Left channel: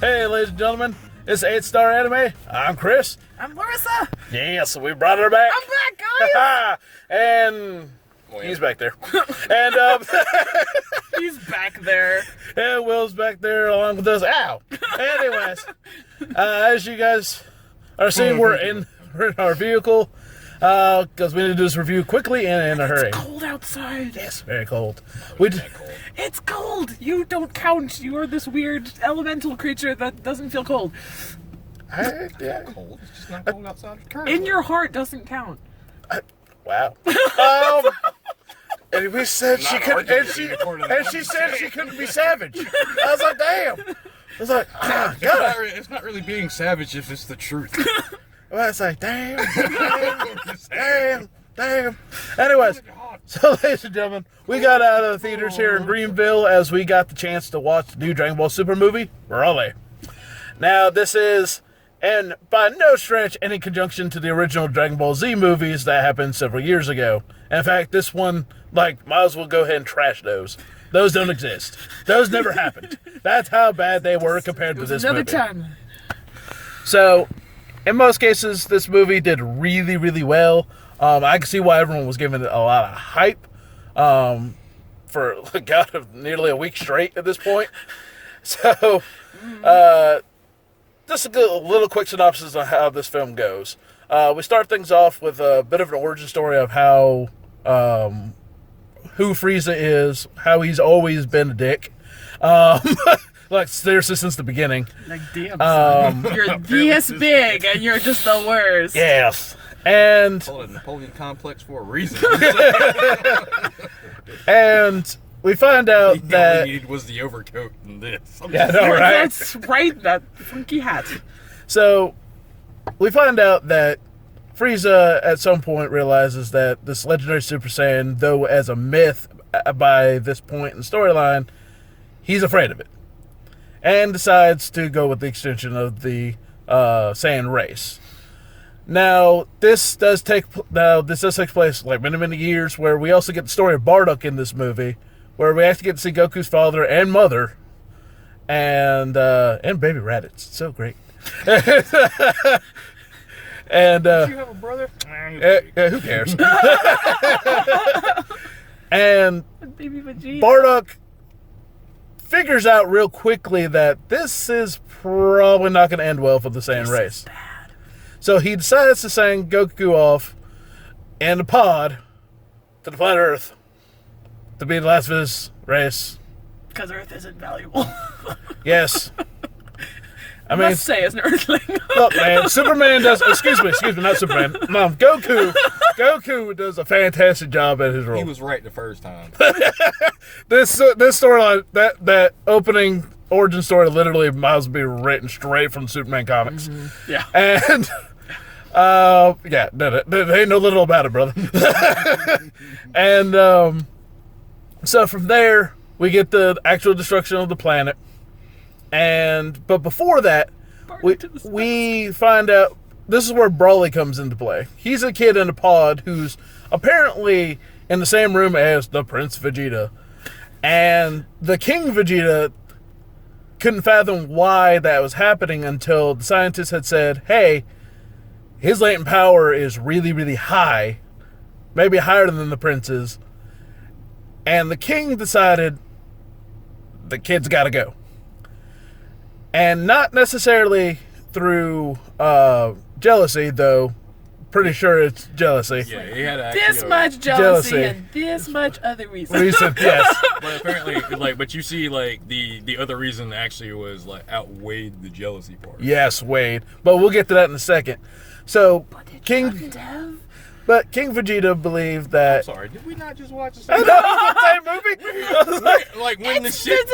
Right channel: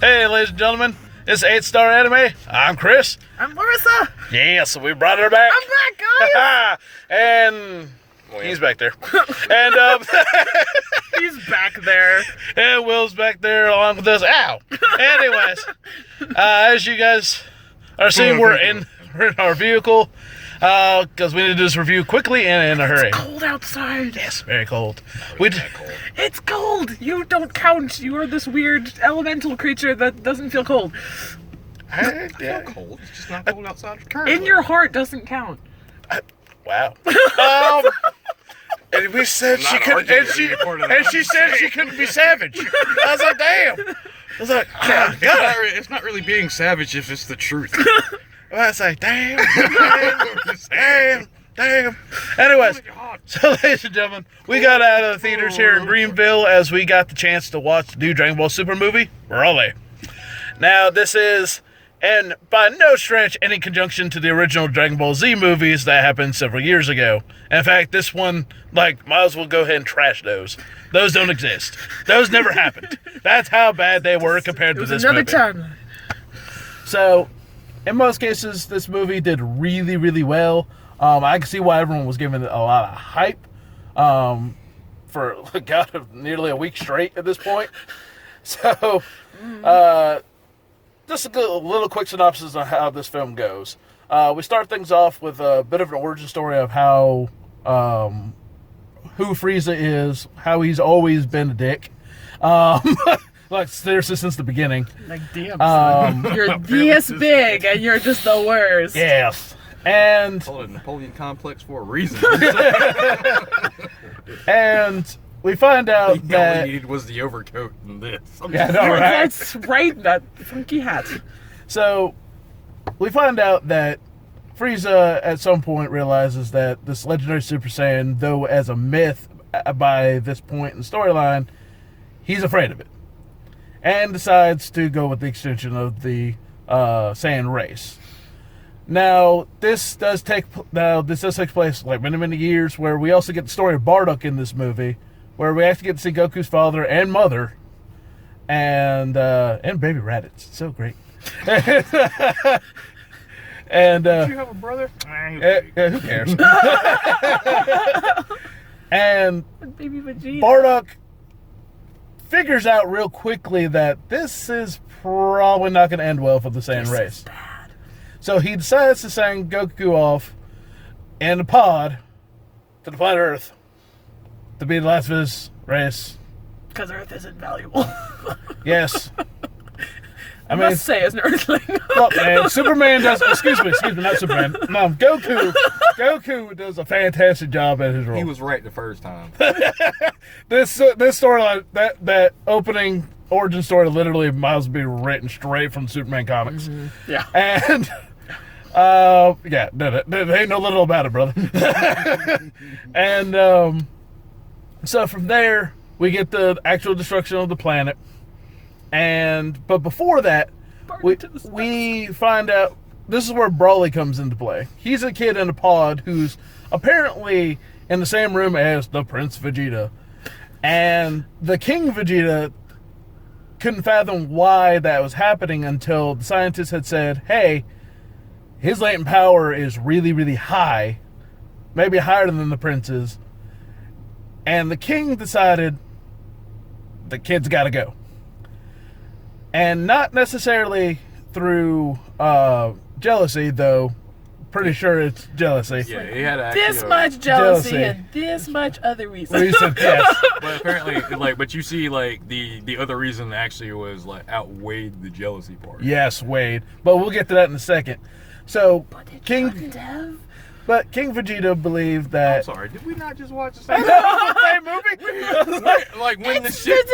Hey, ladies and gentlemen, it's 8-Star Anime. I'm Chris. I'm Larissa. Yeah, so we brought her back. I'm back, guys. And he's back there. And He's back there. and Will's back there along with us. Ow. Anyways, as you guys are seeing, we're in our vehicle because we need to do this review quickly and in a hurry. It's cold outside. Yes, very cold. It's cold. You don't count. You are this weird elemental creature that doesn't feel cold. Yeah. Cold. It's just not cold outside currently. In your heart doesn't count. Wow. And we said she Not couldn't, arguing and she said she couldn't be savage. I was like, damn. I was like, God. It's not really being savage if it's the truth. I was like, damn. Anyways, so ladies and gentlemen, we got out of the theaters here in Greenville as we got the chance to watch the new Dragon Ball Super movie, Broly. Now, this is, and by no stretch, any conjunction to the original Dragon Ball Z movies that happened several years ago. In fact, this one, might as well go ahead and trash those. Those don't exist. Those never happened. That's how bad they were compared to this movie. Time. So, in most cases, this movie did really, really well. I can see why everyone was giving it a lot of hype for nearly a week straight at this point. So, just a little quick synopsis on how this film goes. We start things off with a bit of an origin story of how who Frieza is, how he's always been a dick. Like, seriously, since the beginning. Like, damn, son. You're this big, and you're just the worst. Yes. And Call it a Napoleon complex for a reason. and we find out All he that needed was the overcoat and this. yeah, I know, right? That's right, that funky hat. So we find out that Frieza at some point realizes that this legendary Super Saiyan, though as a myth by this point in the storyline, he's afraid of it. And decides to go with the extension of the Saiyan race. Now, this does take place like many years, where we also get the story of Bardock in this movie, where we actually get to see Goku's father and mother, and Baby Raditz. It's so great. And Did you have a brother? who cares? And Baby Vegeta. Bardock figures out real quickly that this is probably not going to end well for the Saiyan race. Bad. So he decides to send Goku off in a pod to the planet Earth to be the last of his race. Because Earth isn't valuable. Yes. I mean, Must say, as an Earthling. look, man, Superman does, excuse me, not Superman. No, Goku does a fantastic job at his role. He was right the first time. This storyline, that opening origin story literally might as well be written straight from Superman comics. Mm-hmm. Yeah. And yeah, there ain't no little about it, brother. And so from there we get the actual destruction of the planet. But before that, we find out this is where Broly comes into play. He's a kid in a pod who's apparently in the same room as the Prince Vegeta. And the King Vegeta couldn't fathom why that was happening until the scientists had said, hey, his latent power is really, really high, maybe higher than the prince's. And the king decided the kid's got to go. And not necessarily through jealousy, though. Pretty sure it's jealousy. Yeah, he had This much jealousy and this much other reason. Yes. But apparently, but you see, the other reason actually was outweighed the jealousy part. Yes, Wade. But we'll get to that in a second. So, King Vegeta believed that. I'm sorry, did we not just watch the I same know, it's the same movie. when the shit.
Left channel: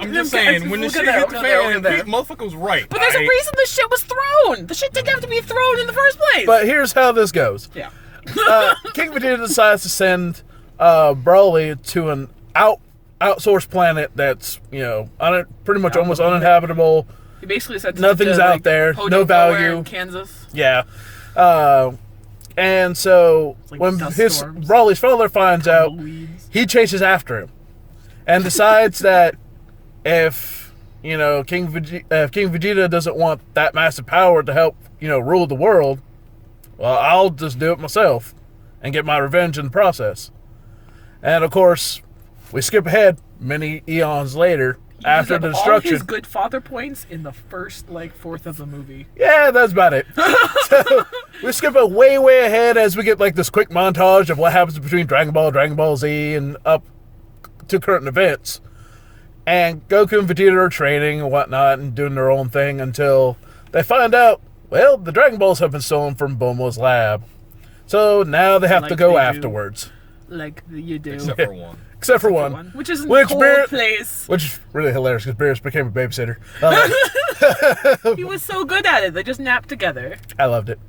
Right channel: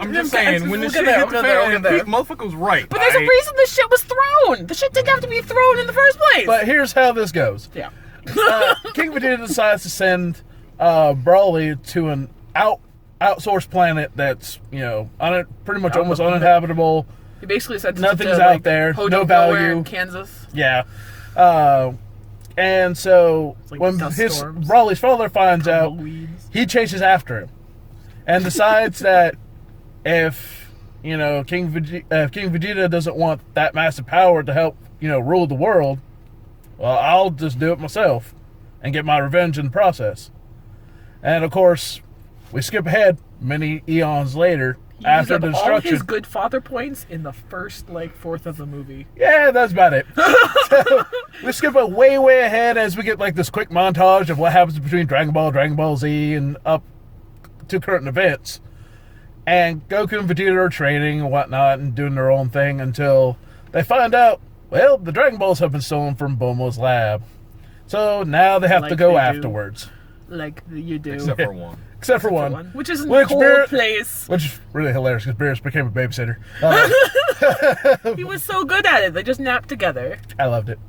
I'm just saying, when the shit hit the fan, motherfucker was right. But there's a reason the shit was thrown. The shit didn't have to be thrown in the first place. But here's how this goes. Yeah. King Vegeta decides to send Broly to an outsourced planet that's, pretty much almost uninhabitable. He basically said nothing's out there, no value. In Kansas. Yeah. And so when Broly's father finds out, he chases after him and decides that if King Vegeta doesn't want that massive power to help, rule the world, well, I'll just do it myself and get my revenge in the process. And of course, we skip ahead many eons later after the destruction. All his good father points in the first fourth of the movie. Yeah, that's about it. So we skip way ahead as we get this quick montage of what happens between Dragon Ball Z, and up to current events. And Goku and Vegeta are training and whatnot and doing their own thing until they find out, well, the Dragon Balls have been stolen from Bulma's lab. So now they have to go afterwards. Like you do. Except for one. Except for one. Which is in a cold place. Which is really hilarious because Beerus became a babysitter. He was so good at it. They just napped together. I loved it.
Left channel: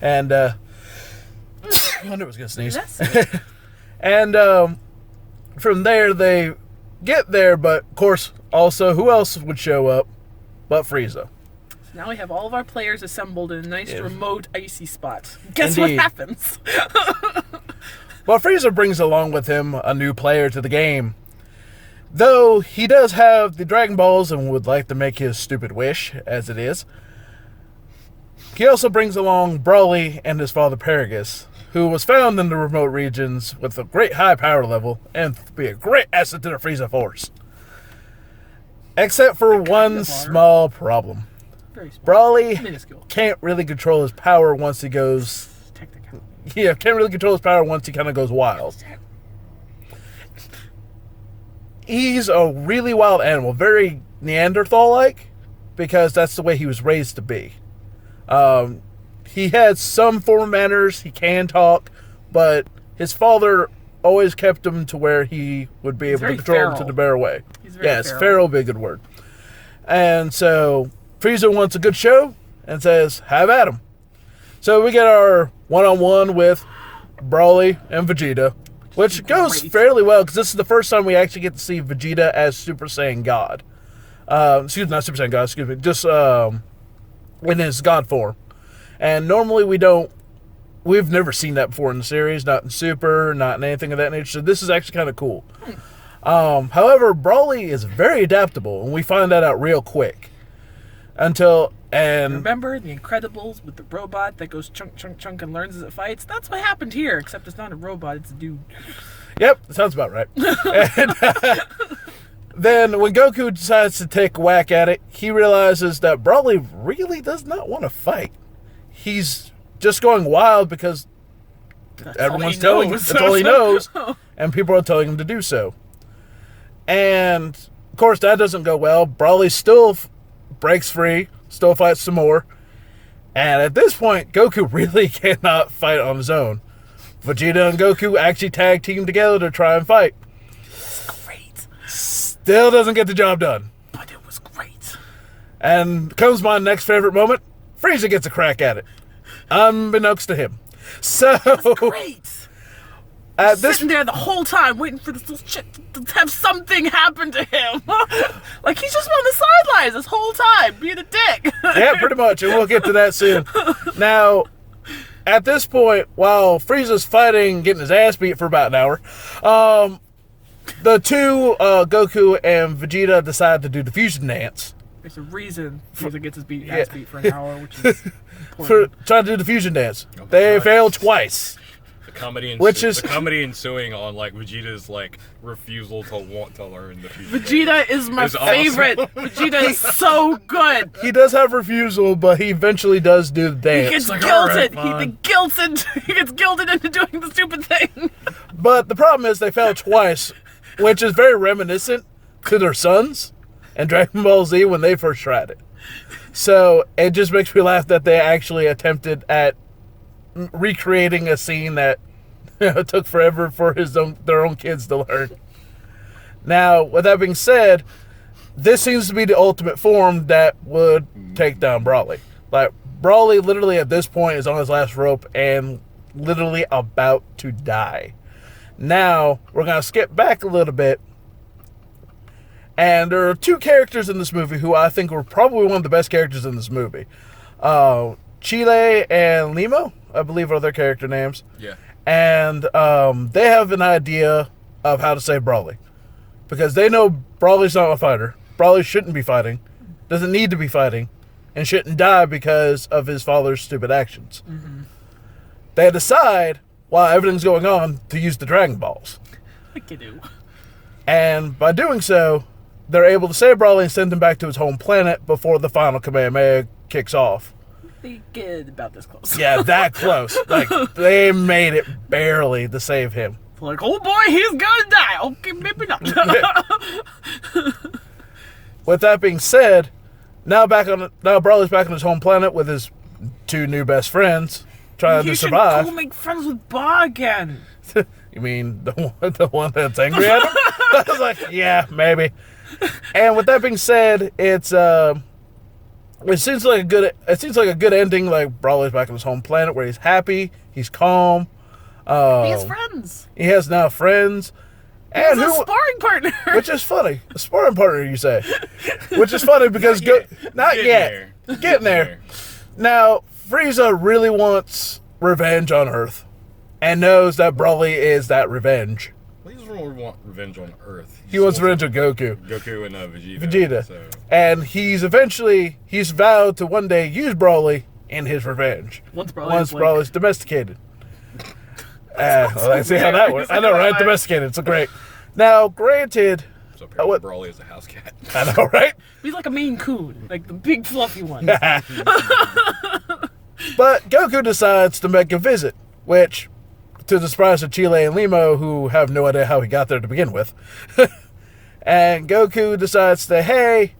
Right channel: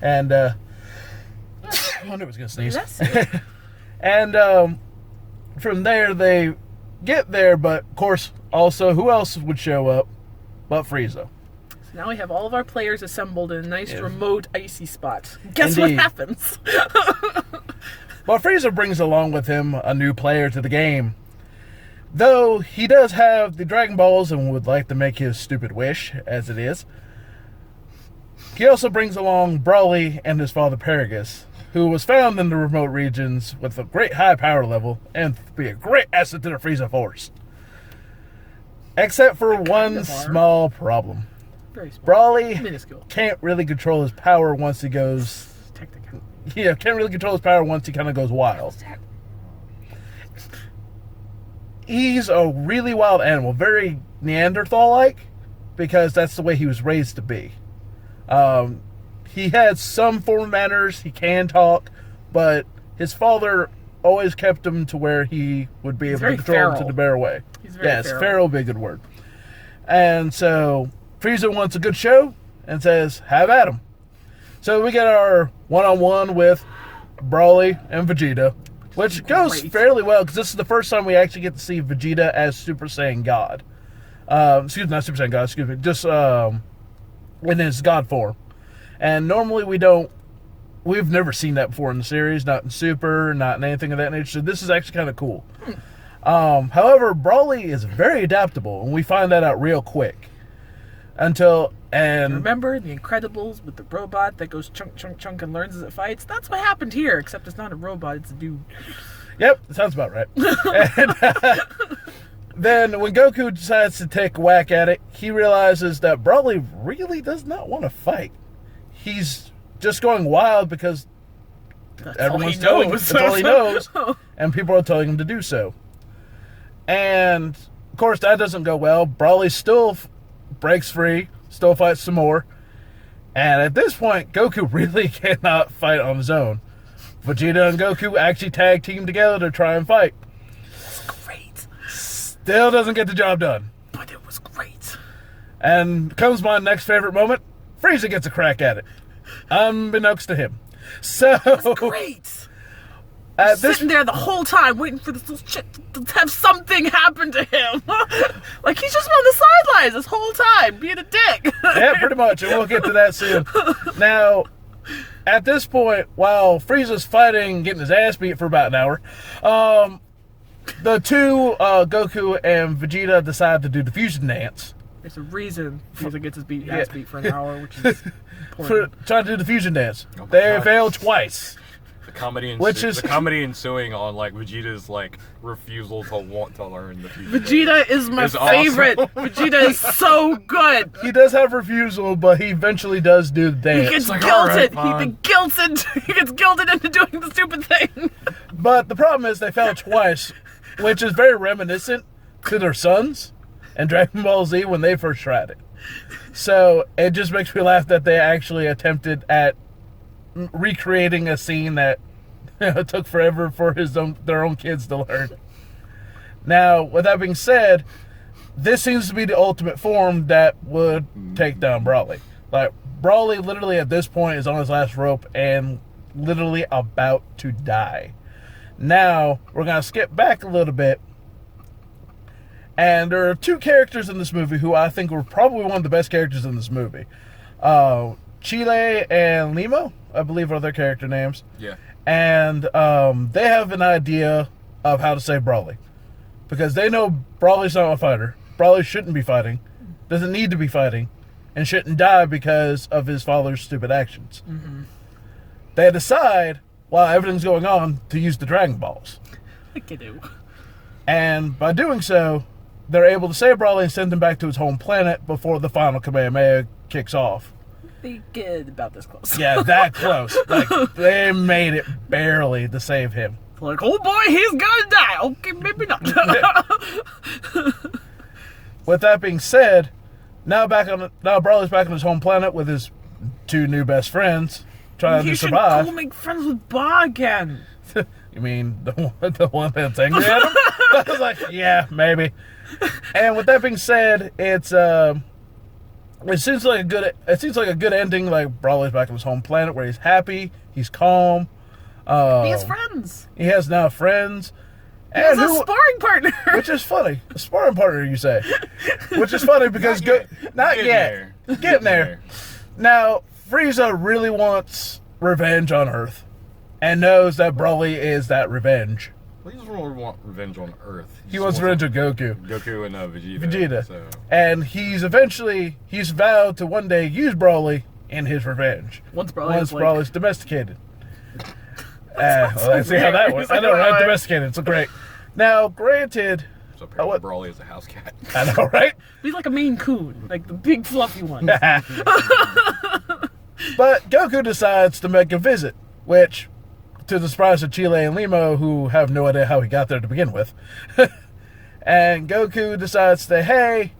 And, I knew I was going to sneeze. And, from there, they get there, but, of course, also, who else would show up but Frieza? So now we have all of our players assembled in a nice, remote, icy spot. Guess what happens? Well, Frieza brings along with him a new player to the game. Though he does have the Dragon Balls and would like to make his stupid wish, as it is, he also brings along Broly and his father Paragus, who was found in the remote regions with a great high power level and be a great asset to the Frieza Force. Except for one small problem. Very small. Broly Minuscule. can't really control his power once he goes... Technical. Yeah, can't really control his power once he kind of goes wild. He's a really wild animal, very Neanderthal-like, because that's the way he was raised to be. He had some form of manners, he can talk, but his father always kept him to where he would be able to control him to the bear way. Yes, feral would be a good word. And so Frieza wants a good show and says, have at him. So we get our one-on-one with Broly and Vegeta, which goes fairly well, because this is the first time we actually get to see Vegeta as Super Saiyan God. Not Super Saiyan God, just in his God form. And normally we've never seen that before in the series, not in Super, not in anything of that nature, so this is actually kind of cool. However, Broly is very adaptable, and we find that out real quick. Remember the Incredibles with the robot that goes chunk, chunk, chunk and learns as it fights? That's what happened here, except it's not a robot, it's a dude. Yep, sounds about right. And, then when Goku decides to take a whack at it, he realizes that Broly really does not want to fight. He's just going wild because everyone's telling him that's all he knows, and people are telling him to do so. And, of course, that doesn't go well. Broly still breaks free, still fights some more. And at this point, Goku really cannot fight on his own. Vegeta and Goku actually tag team together to try and fight. It's great. Still doesn't get the job done. But it was great. And comes my next favorite moment. Frieza gets a crack at it. Unbeknownst to him. So... That's great. Sitting there the whole time waiting for this little chick to have something happen to him. Like he's just on the sidelines this whole time, being a dick. Yeah, pretty much, and we'll get to that soon. Now, at this point, while Frieza's fighting, getting his ass beat for about an hour, the two, Goku and Vegeta, decide to do the fusion dance. There's a reason Frieza gets his ass beat for an hour, which is important. For trying to do the fusion dance. They failed twice. The comedy ensuing on Vegeta's refusal to want to learn the fusion. Vegeta is my favorite. Awesome. Vegeta is so good. He does have refusal, but he eventually does do the dance. He gets guilted. He gets guilted into doing the stupid thing. But the problem is they failed twice, which is very reminiscent to their sons and Dragon Ball Z when they first tried it. So it just makes me laugh that they actually attempted at recreating a scene that took forever for their own kids to learn. Now, with that being said, this seems to be the ultimate form that would take down Broly. Broly literally at this point is on his last rope and literally about to die. Now, we're going to skip back a little bit. And there are two characters in this movie who I think were probably one of the best characters in this movie. Chile and Limo, I believe, are their character names. Yeah. And they have an idea of how to save Broly. Because they know Broly's not a fighter. Brawley shouldn't be fighting, doesn't need to be fighting, and shouldn't die because of his father's stupid actions. Mm-hmm. They decide, while everything's going on, to use the Dragon Balls. Like you do. And by doing so, they're able to save Brawley and send him back to his home planet before the final Kamehameha kicks off. They get about this close. Yeah, that close. Like, they made it barely to save him. Like, oh boy, he's gonna die. Okay, maybe not. With that being said, now Brawley's back on his home planet with his 2 new best friends, trying to survive. Go make friends with Ba again. You mean the one that's angry at him? I was like, yeah, maybe. And with that being said, it seems like a good ending. Like, Brawley's back on his home planet where he's happy, he's calm. He has friends. He has now friends. And a sparring partner. Which is funny. A sparring partner, you say. Which is funny because... Not yet. Getting there. Now, Frieza really wants revenge on Earth. And knows that Brawley is that revenge. He doesn't really want revenge on Earth. He wants revenge on Goku. Goku and Vegeta. Vegeta. So. And he's vowed to one day use Brawley in his revenge. Once Brawley's domesticated. Well, let's see how that works. I know, right? Domesticated. It's great. Now, granted... So apparently Brawley is a house cat. I know, right? He's like a Maine Coon. Like the big fluffy one. But Goku decides to make a visit, which, to the surprise of Chile and Limo, who have no idea how he got there to begin with. And Goku decides to, hey,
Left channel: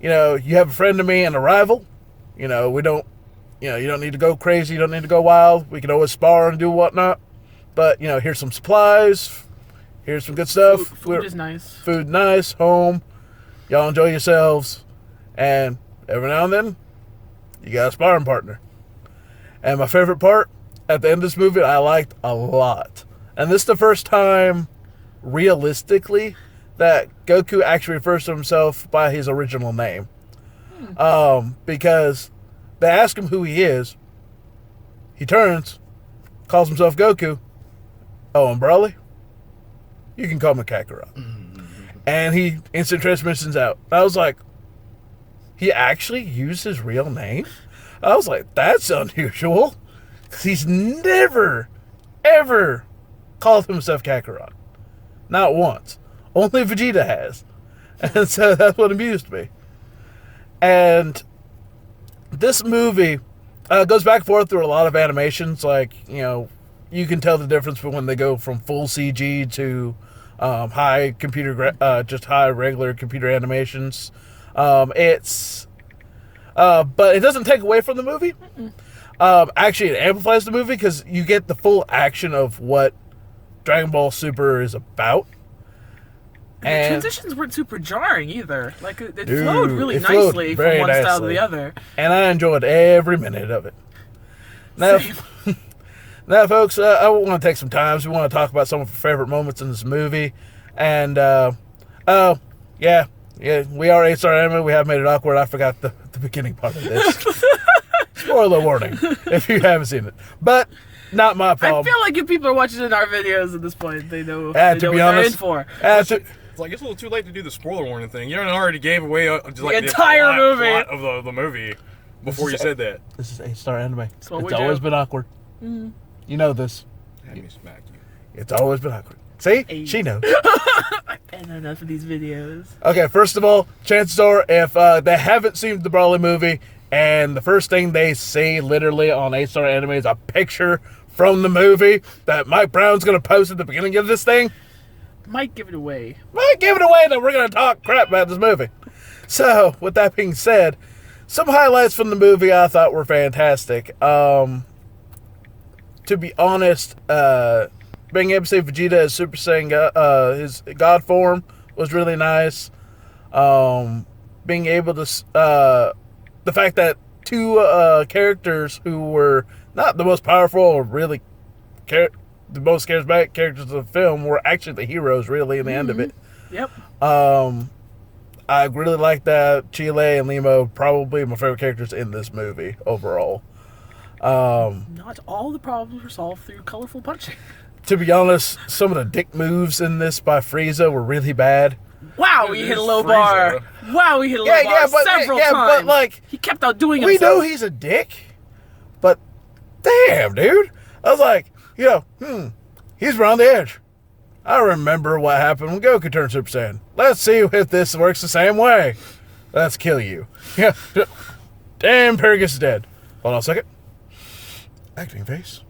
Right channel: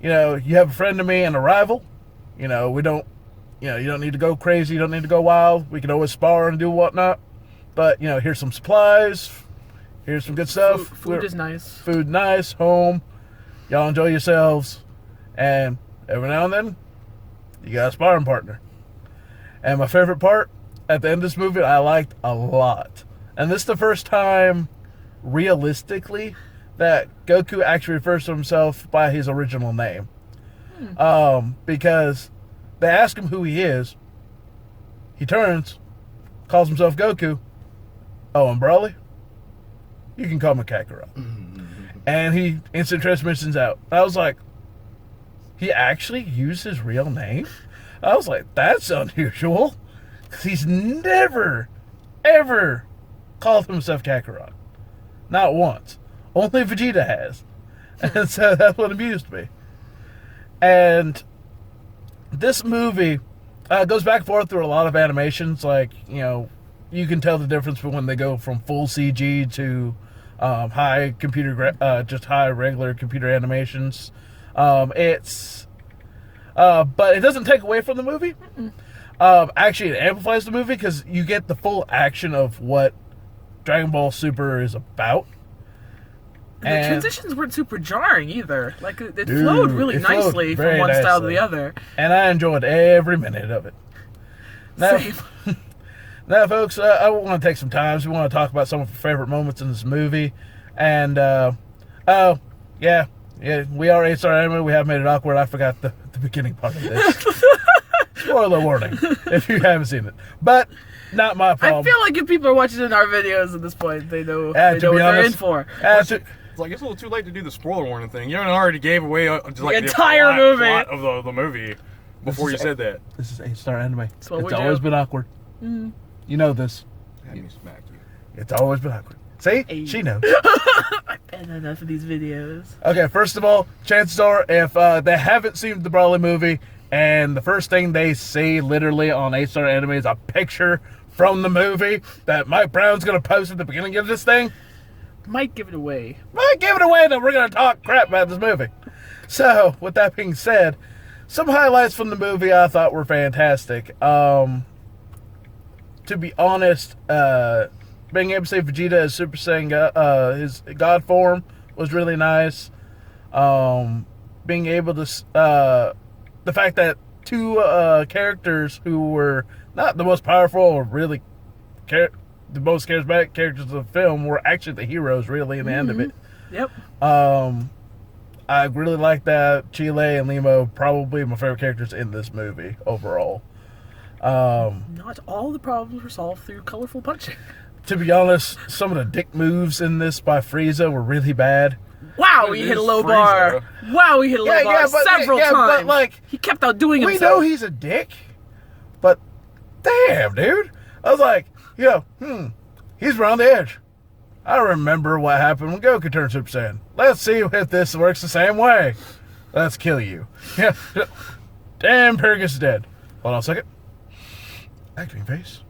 you have a friend of me and a rival. You don't need to go crazy. You don't need to go wild. We can always spar and do whatnot. But, here's some supplies. Here's some good stuff. Food is nice. Food nice. Home. Y'all enjoy yourselves. And every now and then, you got a sparring partner. And my favorite part, at the end of this movie, I liked a lot. And this is the first time, realistically, that Goku actually refers to himself by his original name. Because they ask him who he is. He turns, calls himself Goku. Oh, and Brawley? You can call me Kakarot. And he instant transmissions out. I was like, he actually used his real name? I was like, that's unusual. Because he's never, ever called himself Kakarot. Not once. Only Vegeta has. And so that's what amused me. And this movie goes back and forth through a lot of animations. Like, you can tell the difference when they go from full CG to high regular computer animations. But it doesn't take away from the movie. Actually, it amplifies the movie because you get the full action of what Dragon Ball Super is about. The transitions weren't super jarring either. Like, it flowed really nicely from one style to the other. And I enjoyed every minute of it. Now, folks, I want to take some time. We want to talk about some of our favorite moments in this movie. And, we are 8-star anime. We have made it awkward. I forgot the beginning part of this. Spoiler warning if you haven't seen it. But not my problem. I feel like if people are watching in our videos at this point, they know what they're in for. It's like it's a little too late to do the spoiler warning thing. You already gave away the entire plot of the movie before you said that. This is 8-star anime. It's always been awkward. Mm. You know this. Have me smack you. It's always been awkward. See? Hey. She knows. I've been enough of these videos. Okay, first of all, chances are if they haven't seen the Brawley movie and the first thing they see literally on 8-star anime is a picture from the movie that Mike Brown's going to post at the beginning of this thing, Might give it away. Might give it away that we're going to talk crap about this movie. So, with that being said, some highlights from the movie I thought were fantastic. To be honest, being able to see Vegeta as Super Saiyan, his God form, was really nice. Being able to, the fact that 2 characters who were not the most powerful or really the most charismatic characters of the film were actually the heroes, really, in the end of it. Yep. I really like that. Chile and Limo, probably my favorite characters in this movie overall. Not all the problems were solved through colorful punching. To be honest, some of the dick moves in this by Frieza were really bad. Wow, he hit a low bar. Wow, he hit a low bar several times. But like, he kept outdoing himself. We know he's a dick, but damn, dude. I was like, he's around the edge. I remember what happened when Goku turned Super Saiyan. Let's see if this works the same way. Let's kill you. Yeah. Damn, Paragus is dead. Hold on a second. Acting face.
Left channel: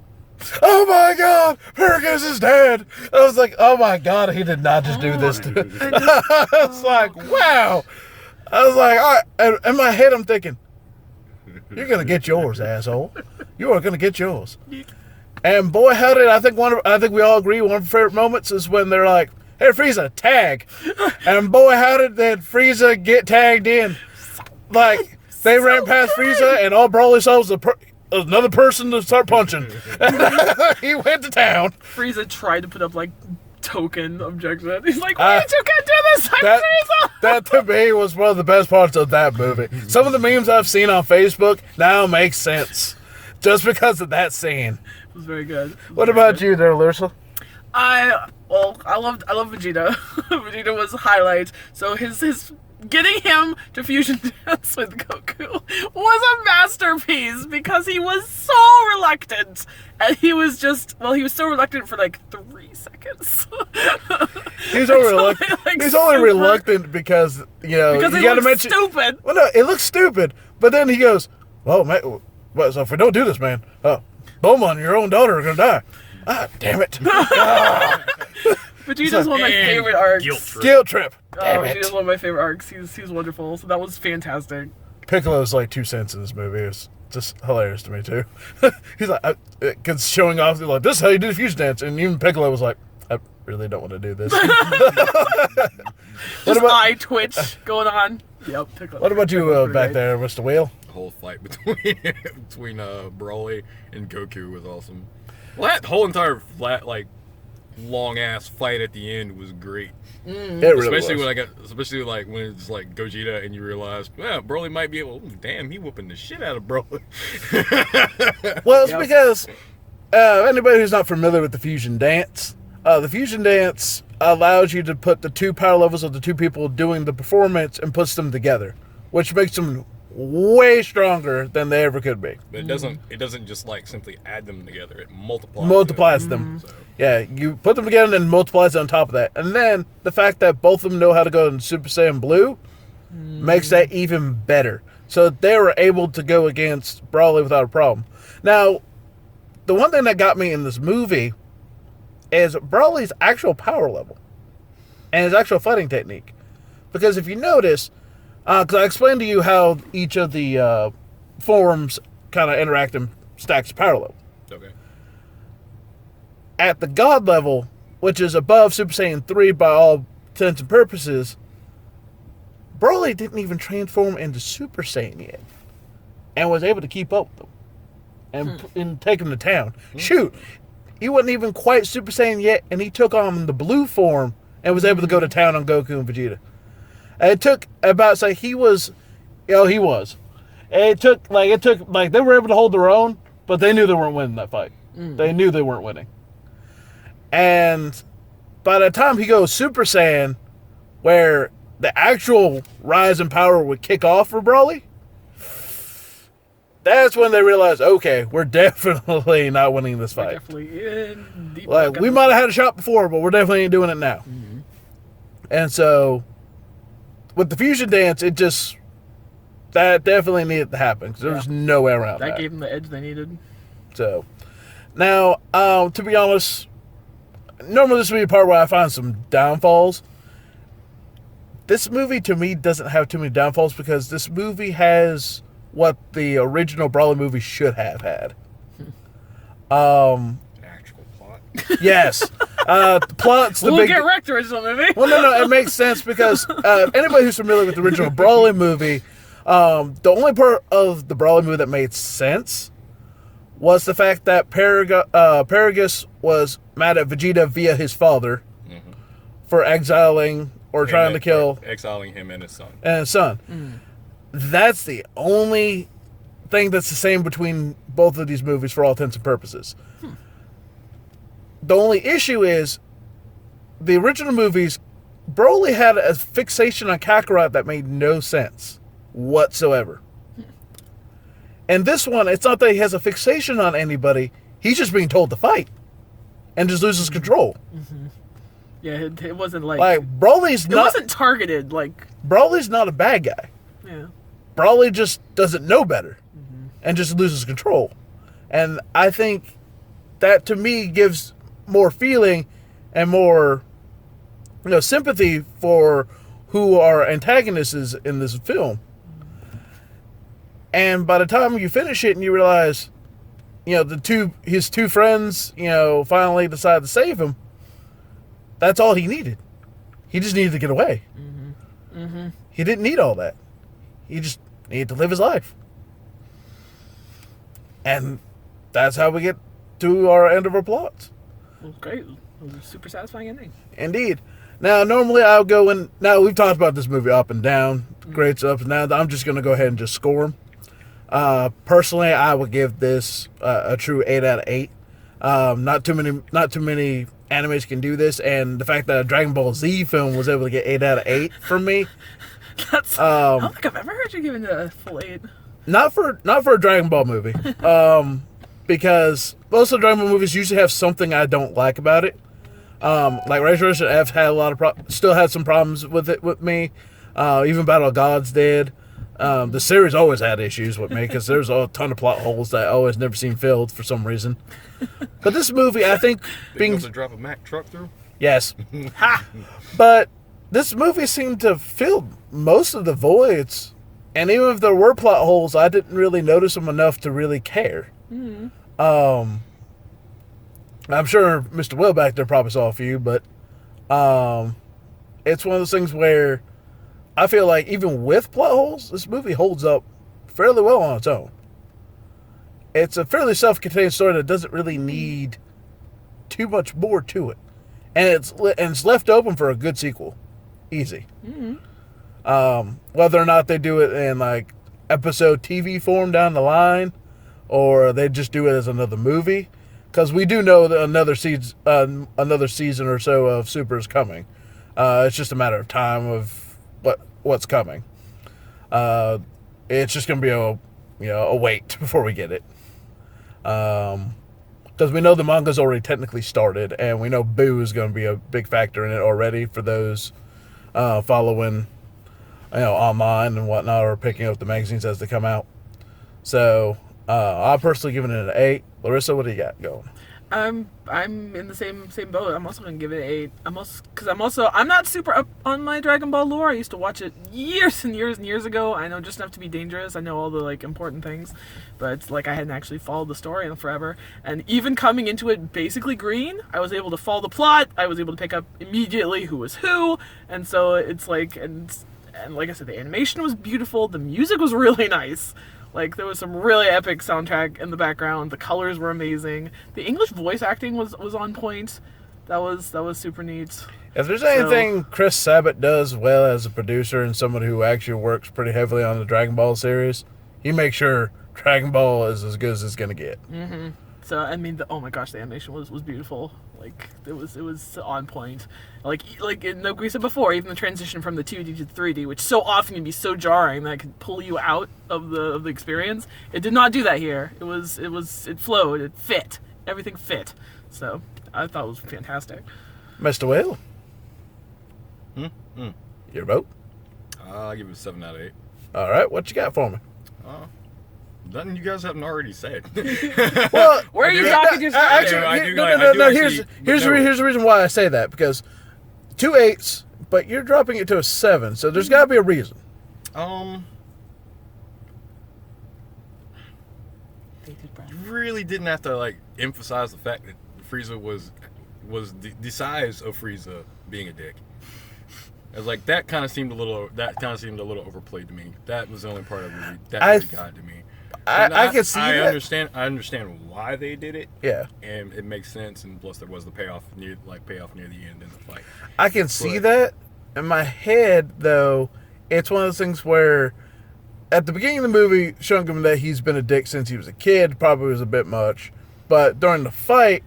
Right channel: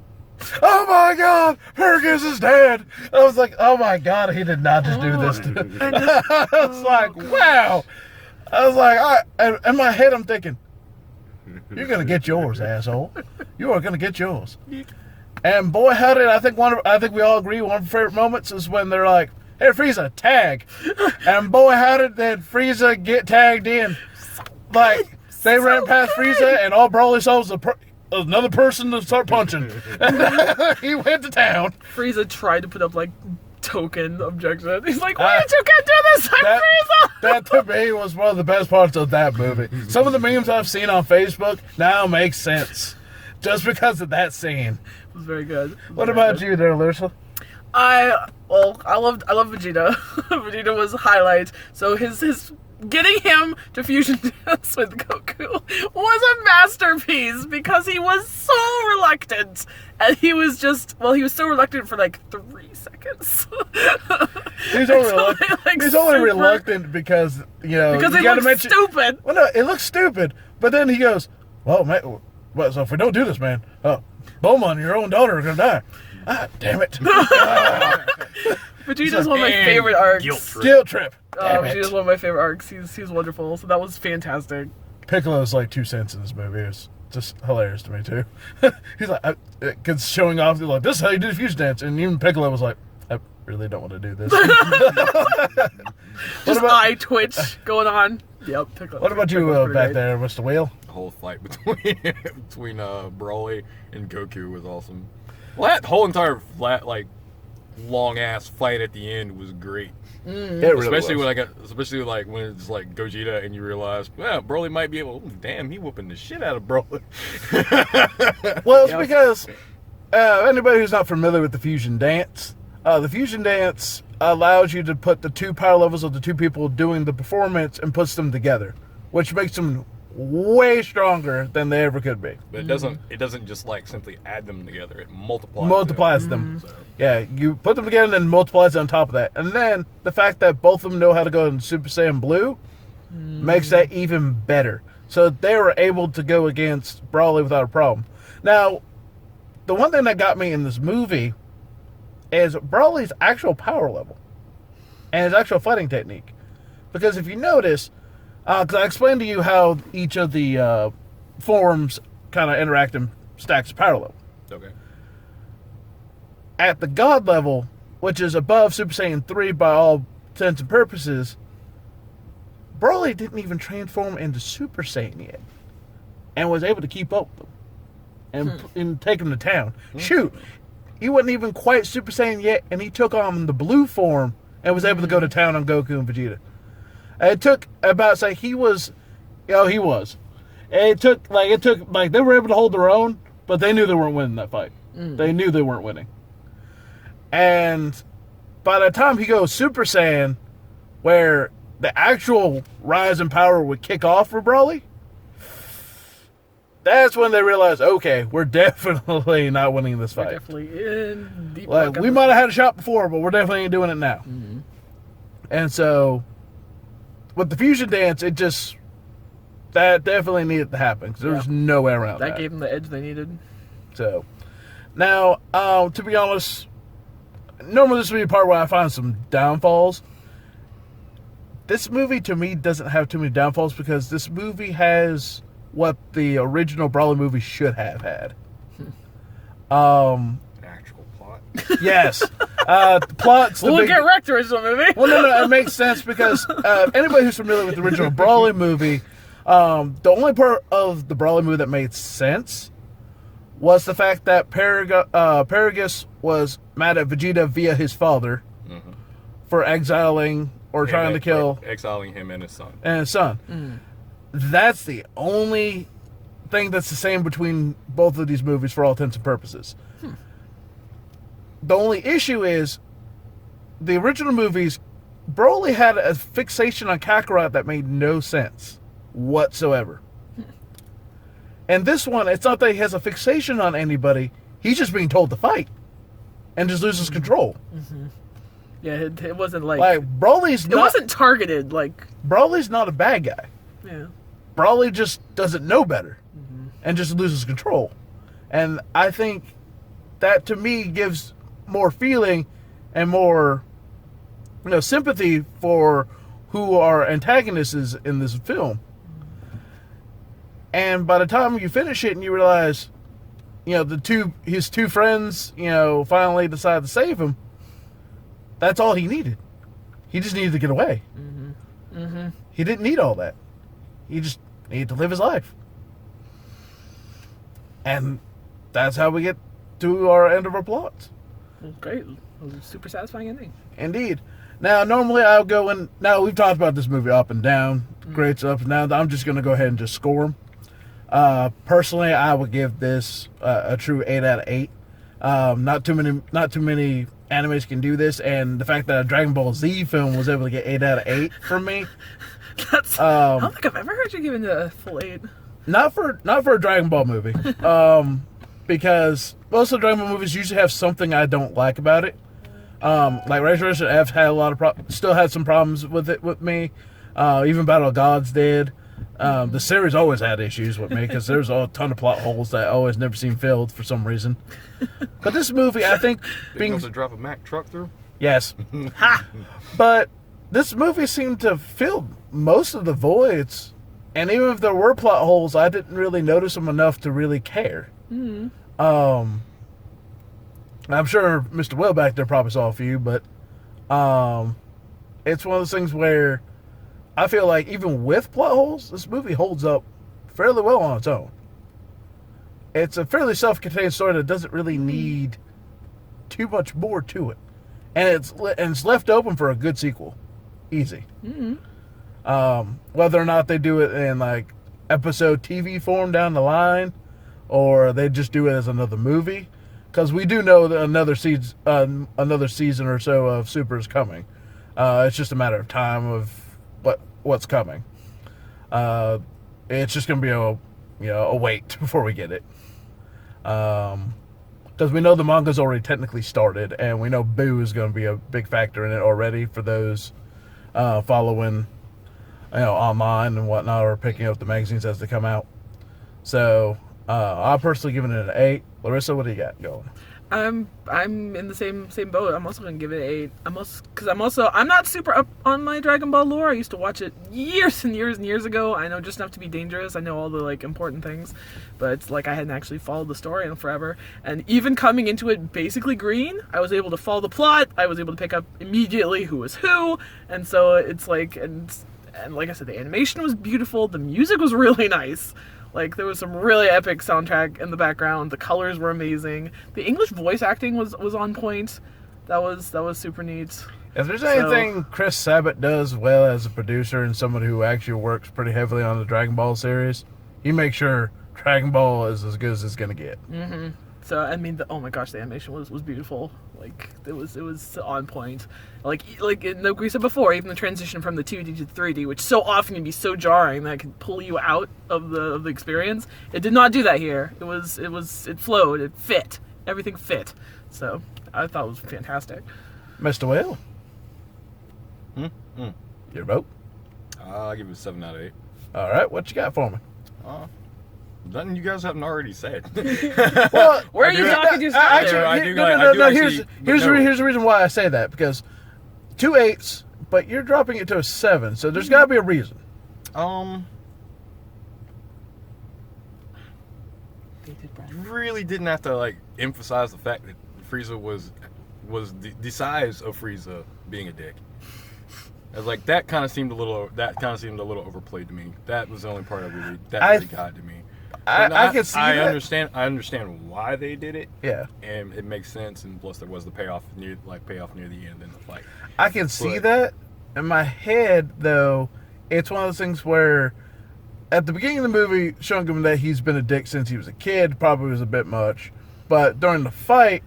Oh my God, Paragus is dead. I was like, oh my God, he did not just do this to me. I was like, wow. I was like, all right. In my head, I'm thinking, you're going to get yours, asshole. You are going to get yours. And boy, how did I think we all agree one of our favorite moments is when they're like, hey, Frieza, tag. And boy, how did that Frieza get tagged in? Like, they ran past Frieza and all Broly saw was another person to start punching. He went to town. Frieza tried to put up, like, token objection. He's like, why you can't do this? I'm Frieza! That, to me, was one of the best parts of that movie. Some of the memes I've seen on Facebook now make sense. Just because of that scene. It was very good. What about you there, Larissa? I love Vegeta. Vegeta was highlight. So his getting him to fusion dance with Goku was a masterpiece because he was so reluctant. And he was so reluctant for like 3 seconds. He's only reluctant. Like, he's only reluctant because, because you it looks stupid. Well, no, it looks stupid. But then he goes, well, man, so if we don't do this, man, Bulma and your own daughter are going to die. Ah, damn it. Vegeta's one of my favorite arcs. Guilt trip. Vegeta's one of my favorite arcs. He's wonderful. So that was fantastic. Piccolo's like 2 cents in this movie. It's just hilarious to me, too. He's like, because showing off, like, this is how you do the fusion dance. And even Piccolo was like, I really don't want to do this. Just eye twitch going on. Yep, Piccolo. What about you back there, Mr. Wheel? The whole fight between Broly and Goku was awesome. Well, that whole entire long ass fight at the end was great. Especially when it's like Gogeta and you realize, well, Broly might be able. Damn, he whooping the shit out of Broly. Well, it's because anybody who's not familiar with the fusion dance, allows you to put the 2 power levels of the 2 people doing the performance and puts them together, which makes them way stronger than they ever could be. But it doesn't just like simply add them together. It multiplies them. So. Yeah, you put them together and then multiplies on top of that. And then the fact that both of them know how to go in Super Saiyan Blue makes that even better. So they were able to go against Broly without a problem. Now, the one thing that got me in this movie is Broly's actual power level and his actual fighting technique. Because if you notice, because I explained to you how each of the forms kind of interact and stacks power level. Okay. At the God level, which is above Super Saiyan 3 by all intents and purposes, Broly didn't even transform into Super Saiyan yet. And was able to keep up with them. And take them to town. Shoot! He wasn't even quite Super Saiyan yet, and he took on the blue form and was able to go to town on Goku and Vegeta. It took about, he was. It took they were able to hold their own, but they knew they weren't winning that fight. They knew they weren't winning. And by the time he goes Super Saiyan, where the actual rise in power would kick off for Broly, that's when they realized, okay, we're definitely not winning this fight. We're definitely in deep. Like, we might have had a shot before, but we're definitely doing it now. And so, with the fusion dance, that definitely needed to happen because there was no way around that. That gave them the edge they needed. So, now, to be honest, normally this would be a part where I find some downfalls. This movie, to me, doesn't have too many downfalls because this movie has what the original Broly movie should have had. An actual plot. Yes. Plot's the We'll get wrecked, the original movie. Well, no, it makes sense because anybody who's familiar with the original Broly movie, the only part of the Broly movie that made sense was the fact that Paragus was mad at Vegeta via his father for exiling or trying to kill... Exiling him and his son. That's the only thing that's the same between both of these movies for all intents and purposes. The only issue is the original movies Broly had a fixation on Kakarot that made no sense whatsoever. And this one, it's not that he has a fixation on anybody. He's just being told to fight and just loses control. Mm-hmm. Yeah, it wasn't like Broly's not. It wasn't targeted like. Broly's not a bad guy. Yeah. Broly just doesn't know better and just loses control. And I think that to me gives more feeling and more sympathy for who our antagonist is in this film. And by the time you finish it and you realize, his two friends, finally decide to save him, that's all he needed. He just needed to get away. Mm-hmm. Mm-hmm. He didn't need all that. He just needed to live his life. And that's how we get to our end of our plots. Well, great. It was a super satisfying ending. Indeed. Now, normally I'll go in. Now, we've talked about this movie up and down, grades up and down. I'm just going to go ahead and just score them. Personally, I would give this a true 8 out of 8. Not too many animes can do this, and the fact that a Dragon Ball Z film was able to get 8 out of 8 for me. I don't think I've ever heard you giving it a full 8. Not for a Dragon Ball movie. Because most of the Dragon Ball movies usually have something I don't like about it. Like Ray Resurrection F had a lot of still had some problems with it with me. Even Battle of Gods did. The series always had issues with me because there's a ton of plot holes that I always never seen filled for some reason. But this movie, I think, being able to drop a Mack truck through. Yes, but this movie seemed to fill most of the voids, and even if there were plot holes, I didn't really notice them enough to really care. Mm-hmm. I'm sure Mr. Will back there probably saw a few, but it's one of those things where I feel like even with plot holes, this movie holds up fairly well on its own. It's a fairly self-contained story that doesn't really need too much more to it, and it's left open for a good sequel, easy. Mm-hmm. Whether or not they do it in like episode TV form down the line, or they just do it as another movie, because we do know that another season or so of Super is coming. It's just a matter of time of what's coming. It's just gonna be a wait before we get it. Because we know the manga's already technically started, and we know Boo is going to be a big factor in it already for those following, online and whatnot, or picking up the magazines as they come out. So, I'll personally give it an 8. Larissa, what do you got going? I'm in the same boat. I'm also gonna give it an 8. I'm not super up on my Dragon Ball lore. I used to watch it years and years and years ago. I know just enough to be dangerous. I know all the important things, but I hadn't actually followed the story in forever. And even coming into it basically green, I was able to follow the plot. I was able to pick up immediately who was who, and so it's and like I said, the animation was beautiful. The music was really nice. There was some really epic soundtrack in the background. The colors were amazing. The English voice acting was on point. That was super neat. If there's anything Chris Sabat does well as a producer and someone who actually works pretty heavily on the Dragon Ball series, he makes sure Dragon Ball is as good as it's gonna get. Mm-hmm. So oh my gosh, the animation was beautiful. It was on point. Like we said before, even the transition from the 2D to 3D, which so often can be so jarring that it can pull you out of the experience. It did not do that here. It flowed. It fit. Everything fit. So I thought it was fantastic. Mr. Whale, your vote? I'll give it a 7 out of 8. All right, what you got for me? Nothing you guys haven't already said. Well, where are you talking to? Here's the reason why I say that, because 2 8s, but you're dropping it to a 7, so there's got to be a reason. Really didn't have to emphasize the fact that Frieza was the size of Frieza being a dick. As that kind of seemed a little overplayed to me. That was the only part that really got to me. I can see that. I understand why they did it. Yeah, and it makes sense. And plus, there was the payoff near the end in the fight. I can see that. In my head, though, it's one of those things where, at the beginning of the movie, showing him that he's been a dick since he was a kid probably was a bit much. But during the fight,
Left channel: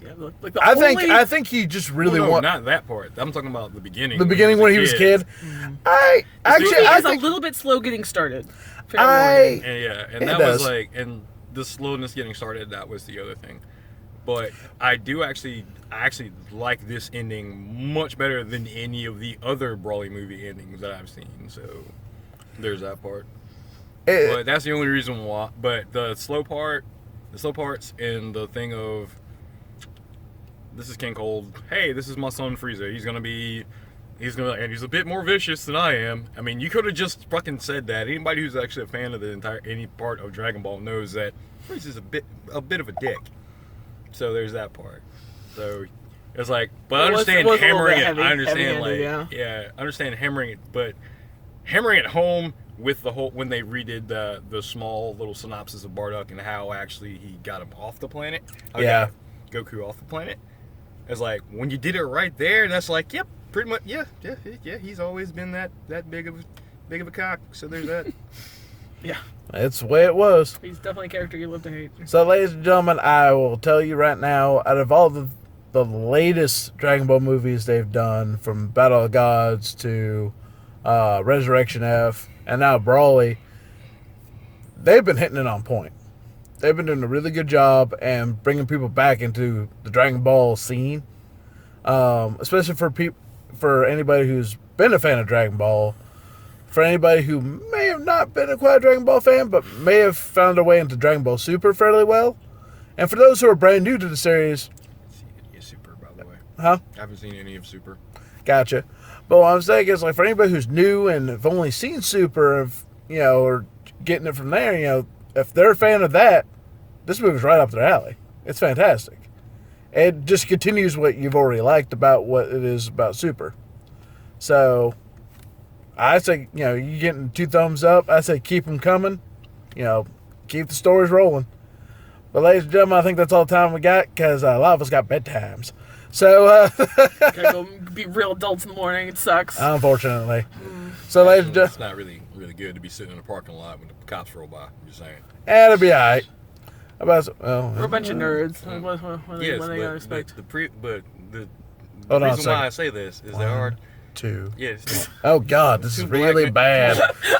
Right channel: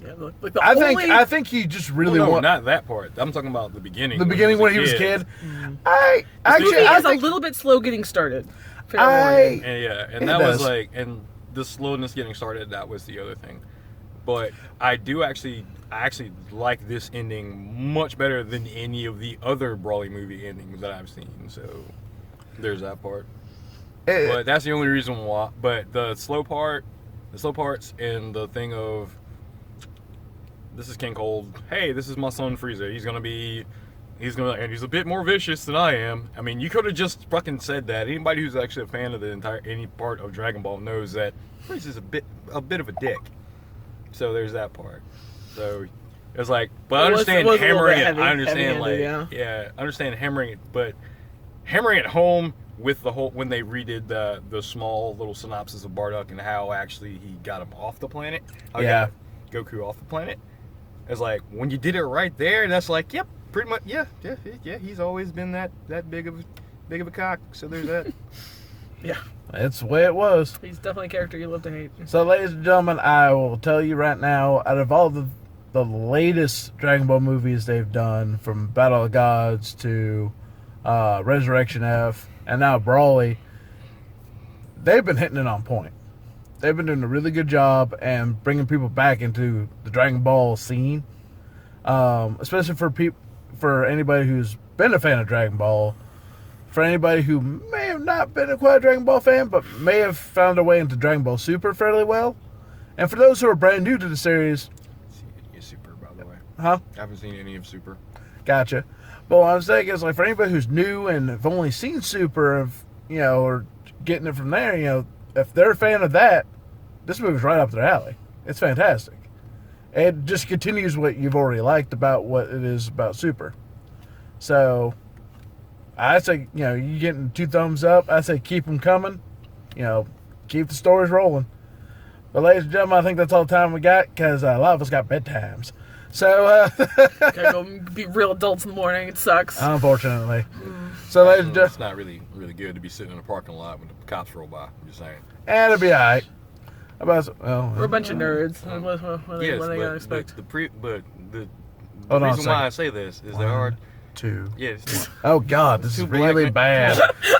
Yeah, like the I think he just really no, want not that part. I'm talking about the beginning. the beginning when he was a kid. Mm-hmm. I It's a think little bit slow getting started. Fair I warning. And It that was does. like, and the slowness getting started, that was the other thing. But I actually like this ending much better than any of the other Brawley movie endings that I've seen. So there's that part. But that's the only reason why. But the slow parts, and the thing of, this is King Cold. Hey, this is my son Frieza. And he's a bit more vicious than I am. I mean, you could have just fucking said that. Anybody who's actually a fan of any part of Dragon Ball knows that Frieza's a bit of a dick. So there's that part. So it's like, but I understand hammering it. I understand I understand hammering it, but hammering it home with the whole, when they redid the small little synopsis of Bardock and how actually he got him off the planet. How he got Goku off the planet. It's like, when you did it right there, that's like, yep, pretty much, yeah. He's always been that big of a cock. So there's that. Yeah. It's the way it was. He's definitely a character you love to hate. So, ladies and gentlemen, I will tell you right now, out of all the latest Dragon Ball movies they've done, from Battle of Gods to Resurrection F, and now Brawley, they've been hitting it on point. They've been doing a really good job and bringing people back into the Dragon Ball scene, especially for anybody who's been a fan of Dragon Ball. For anybody who may have not been quite a Dragon Ball fan, but may have found their way into Dragon Ball Super fairly well. And for those who are brand new to the series... I haven't seen any of Super, by the way. Huh? I haven't seen any of Super. Gotcha. But what I'm saying is, like, for anybody who's new and have only seen Super, or getting it from there, if they're a fan of that, this movie's right up their alley. It's fantastic. It just continues what you've already liked about what it is about Super. So... I say, you getting 2 thumbs up. I say keep them coming. Keep the stories rolling. But ladies and gentlemen, I think that's all the time we got, because a lot of us got bedtimes. So, Gotta go be real adults in the morning. It sucks. Unfortunately. So, ladies and gentlemen, it's not really good to be sitting in a parking lot when the cops roll by. I'm just saying. It'll be alright. We're a bunch of nerds. What Yes, they gotta expect? the Hold on a reason why second. I say this is there are 2. yes. Oh, God, this is really bad.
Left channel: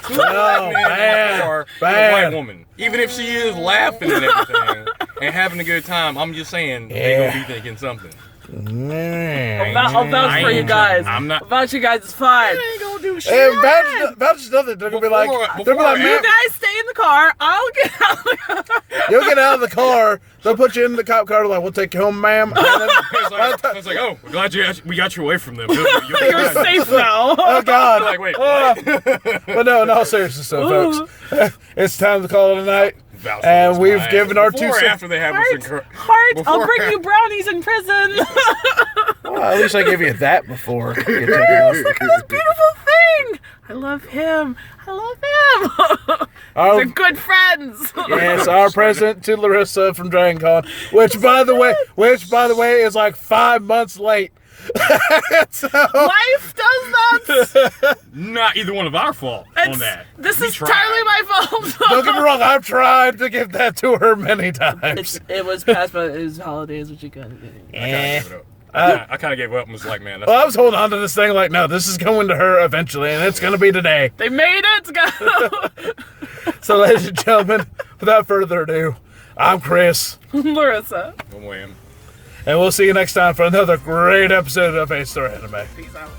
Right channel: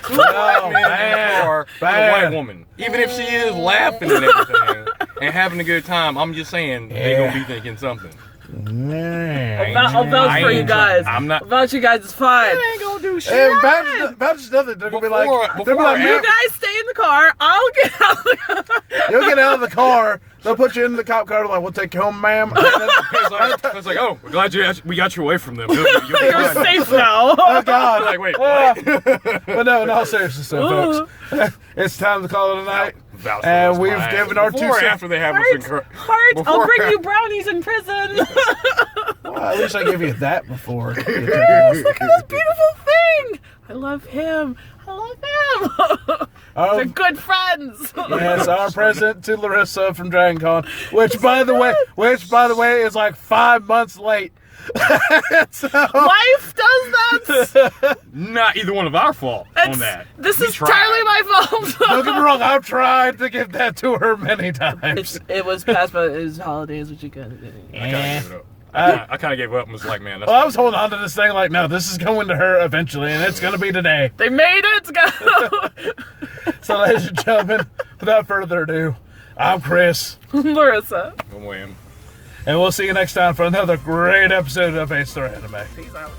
Two black men in a car with a white woman. Even if she is laughing and everything and having a good time, I'm just saying they gonna be thinking something. I'll vouch for you guys. I'm not. I'll vouch you guys. It's fine. They ain't gonna do shit. Hey, vouch nothing. They're going to be like, You guys stay in the car. I'll get out of the car. you'll get out of the car. They'll put you in the cop car. Like, we'll take you home, ma'am. It's like, oh, we're glad we got you away from them. You'll be You're fine. safe now. Oh, God. Like, wait, what? But no, in all seriousness, though, folks, it's time to call it a night. And we've given our 2 Before or cents. after they have us in Heart, I'll bring you brownies in prison. Well, at least I gave you that before. Look at this beautiful thing. I love him. They're good friends. Yes, our present to Larissa from Dragon Con, which by the way is like 5 months late. So, Life does that. Not either one of our fault on that. This We is tried. entirely my fault. don't get me wrong, I've tried to give that to her many times. It was past, but it was holidays, which you got to do. I kind of gave it up. I kind of gave up and was like, man, that's Well, I was holding on to this thing like, no, this is going to her eventually, and it's going to be today. They made it. So, ladies and gentlemen, without further ado, I'm Chris, Larissa. one way. and we'll see you next time for another great episode of A Star Anime. Peace out.